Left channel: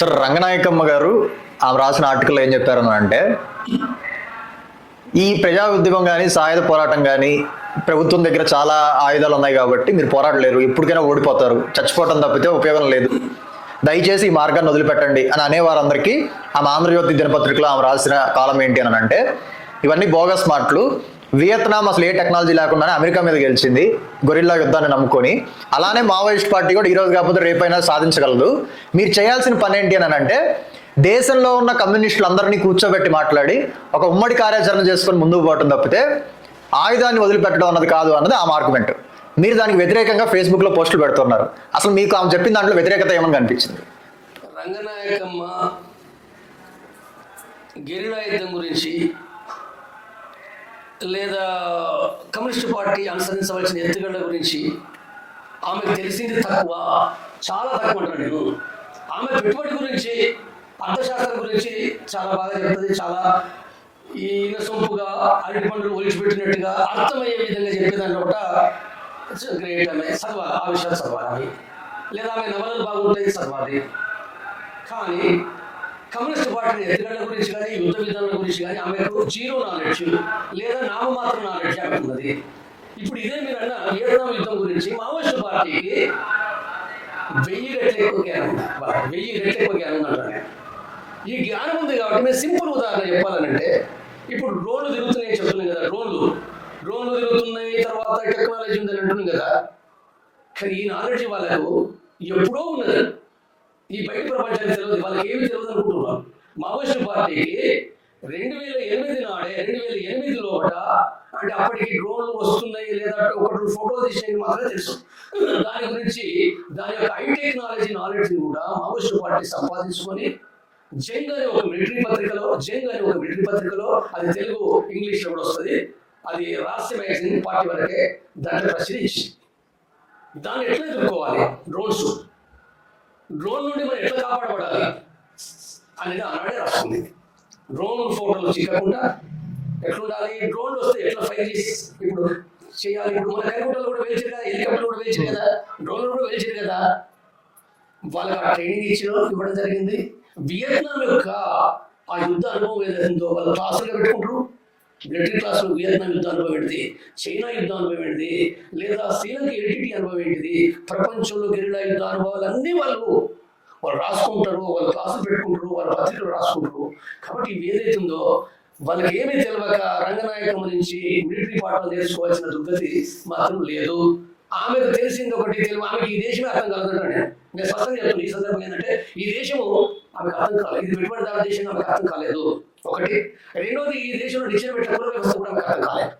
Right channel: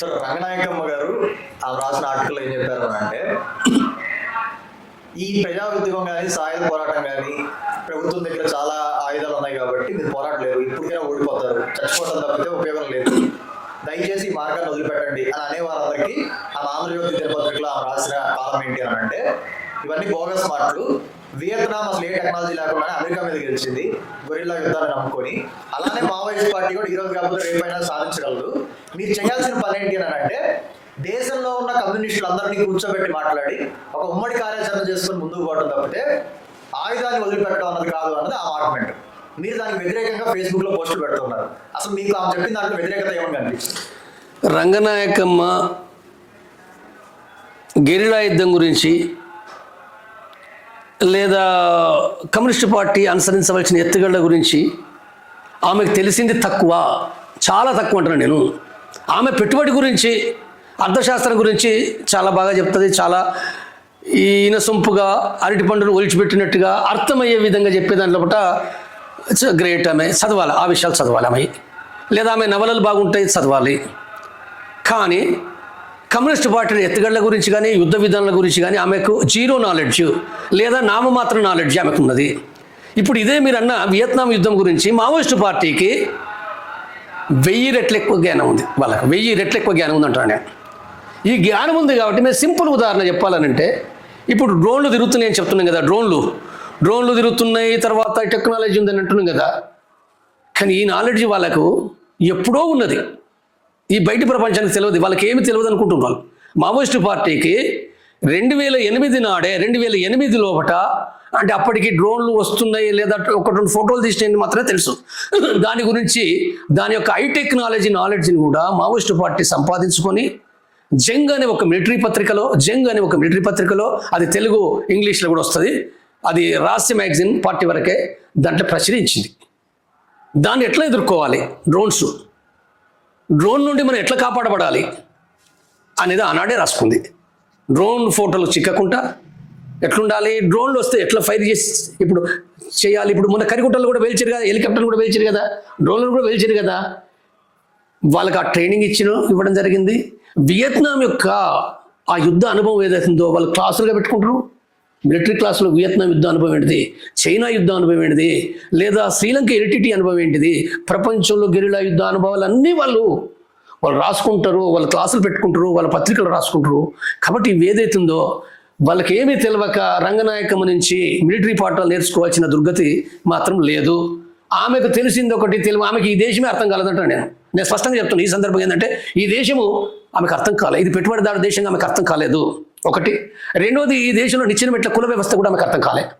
Sir Ranganayakamma గారు ఆమె రాసిన ఆర్టికల్ ఏం చెప్పారు అంటే ఈ ప్రజా ఉద్యమం కానీ సాయుధ పోరాటం కానీ ప్రభుత్వం దగ్గర చాలా ఆయుధాలు ఉన్నాయి కాబట్టి మీరు పోరాడలేరు ఇప్పటికైనా ఓడిపోతారు. చచ్చిపోవటం తప్పితే ఉపయోగం లేదు. దయచేసి ఈ మార్గాన్ని వదిలిపెట్టండి అని అనేవారందరికీ ఆమె ఆంధ్రజ్యోతి దినపత్రికలో ఆమె రాసిన కాలం ఏంటి అని అంటే ఇవన్నీ బోగస్ మాటలు. వియత్నాం అసలు ఏ టెక్నాలజీ లేకుండానే అమెరికా మీద గెలిచింది గొరిల్లా యుద్ధాన్ని నమ్ముకొని. అలానే మావోయిస్ట్ పార్టీ కూడా ఈరోజు కాకపోతే రేపైనా సాధించగలదు. మీరు చేయాల్సిన పని ఏంటి అని అంటే దేశంలో ఉన్న కమ్యూనిస్టులు అందరినీ కూర్చోబెట్టి మాట్లాడి ఒక ఉమ్మడి కార్యాచరణ చేసుకొని ముందుకు పోవటం తప్పితే ఆయుధాన్ని వదిలిపెట్టడం అన్నది కాదు అన్నది ఆ ఆర్గ్యుమెంట్ మీరు దానికి వ్యతిరేకంగా ఫేస్బుక్లో పోస్టులు పెడుతున్నారు. అసలు మీకు ఆమె చెప్పిన దాంట్లో వ్యతిరేకత ఏమని కనిపించింది? రంగనాయకమ్మ గెరిలా యుద్ధం గురించి లేదా కమ్యూనిస్ట్ పార్టీ అనుసరించవలసిన ఎత్తుగడల గురించి ఆమెకు తెలిసింది తక్కువ చాలా తక్కువ అంటున్నాను నేను. ఆమె పెట్టుబడి గురించి అర్థశాస్త్రం గురించి చాలా బాగా చెప్తుంది చాలా ఈయన సొంపుగా అరటి పండును ఒలిచిపెట్టినట్టుగా అర్థమయ్యే విధంగా చెప్పే దాంట్లో గ్రేట్ ఆమె చదవాలి ఆ విషయాలు చదవాలి ఆమె. లేదా ఆమె నవలలు బాగుంటాయి చదవాలి. కానీ కమ్యూనిస్ట్ పార్టీ ఎత్తుగడల గురించి కానీ యుద్ధ విధానాల గురించి కానీ ఆమెకు జీరో నాలెడ్జ్ లేదా నామమాత్ర నాలెడ్జ్ ఆమెకు ఉన్నది ఇప్పుడు ఇదే మీరు అన్న వియత్నాం యుద్ధం గురించి మావోయిస్టు పార్టీకి వెయ్యి రెట్లు ఎక్కువ జ్ఞానం ఉంది వాళ్ళకి. వెయ్యి రెట్లు ఎక్కువ జ్ఞానం ఉంది అంటాను నేను ఈ జ్ఞానం ఉంది కాబట్టి మేము సింపుల్ ఉదాహరణ చెప్పాలనంటే ఇప్పుడు డ్రోన్లు తిరుగుతున్నాయి అని చెప్తున్నాం కదా డ్రోన్లు. డ్రోన్లు తిరుగుతున్నాయి తర్వాత టెక్నాలజీ ఉందని అంటున్నాం కదా. కానీ ఈ నాలెడ్జ్ వాళ్ళకు ఎప్పుడో ఉన్నది. ఈ బయటి ప్రపంచానికి తెలియదు వాళ్ళకి ఏమి తెలియదు అనుకుంటున్నారు. మావోయిస్టు పార్టీకి రెండు వేల ఎనిమిది నాడే రెండు వేల ఎనిమిది లోపట అంటే అప్పటికి డ్రోన్లు వస్తున్నాయి లేదా ఒక రెండు ఫోటోలు తీసినాయని మాత్రమే తెలుసు. దాని గురించి దాని యొక్క ఐ టెక్నాలజీ నాలెడ్జ్ని కూడా మావోయిస్టు పార్టీ సంపాదించుకొని జంగ్ అనే ఒక మిలిటరీ పత్రికలో జంగ్ అనే ఒక మిలిటరీ పత్రికలో అది తెలుగు ఇంగ్లీష్లో కూడా వస్తుంది అది రహస్య మ్యాగజైన్ పార్టీ వరకే దాంట్లో ప్రచురించింది. దాన్ని ఎట్లా ఎదుర్కోవాలి? డ్రోన్స్. డ్రోన్ నుండి మనం ఎట్లా కాపాడబడాలి అనేది ఆనాడే రాసుకుంది. డ్రోన్ ఫోటోలు చిక్కకుండా ఎట్లుండాలి? డ్రోన్లు వస్తే ఎట్లా ఫైర్ చేసి ఇప్పుడు చేయాలి? ఇప్పుడు మన కరిగుట్టలు కూడా వేల్చారు కదా హెలికాప్టర్లు కూడా వేల్చారు కదా డ్రోన్లు కూడా వేల్చారు కదా. వాళ్ళకి ఆ ట్రైనింగ్ ఇచ్చిన ఇవ్వడం జరిగింది. వియత్నాం యొక్క ఆ యుద్ధ అనుభవం ఏదైతుందో వాళ్ళు క్లాసులుగా పెట్టుకుంటారు. మిలిటరీ క్లాస్లో వియత్నాం యుద్ధ అనుభవం ఏంటిది? చైనా యుద్ధ అనుభవం ఏంటిది? లేదా శ్రీలంక ఎరిటిటీ అనుభవం ఏంటిది? ప్రపంచంలో గెరిలా యుద్ధ అనుభవాలు అన్నీ వాళ్ళు వాళ్ళు రాసుకుంటారు వాళ్ళ క్లాసులు పెట్టుకుంటారు వాళ్ళ పత్రికలు రాసుకుంటారు. కాబట్టి ఇవి ఏదైతుందో వాళ్ళకి ఏమీ తెలియక రంగనాయకం నుంచి మిలిటరీ పాఠాలు నేర్చుకోవాల్సిన దుర్గతి మాత్రం లేదు. ఆమెకు తెలిసింది ఒకటి తెలివి ఆమెకి ఈ దేశమే అర్థం కాలేదంట నేను. నేను స్పష్టంగా చెప్తున్నాను ఈ సందర్భం ఏంటంటే ఈ దేశము ఆమెకు అర్థం కాలేదు ఇది పెట్టుబడిదారు దేశంగా ఆమెకు అర్థం కాలేదు. ఒకటి. రెండోది ఈ దేశంలో నిచ్చిన మెట్ల కుల వ్యవస్థ కూడా ఆమెకు అర్థం కాలేదు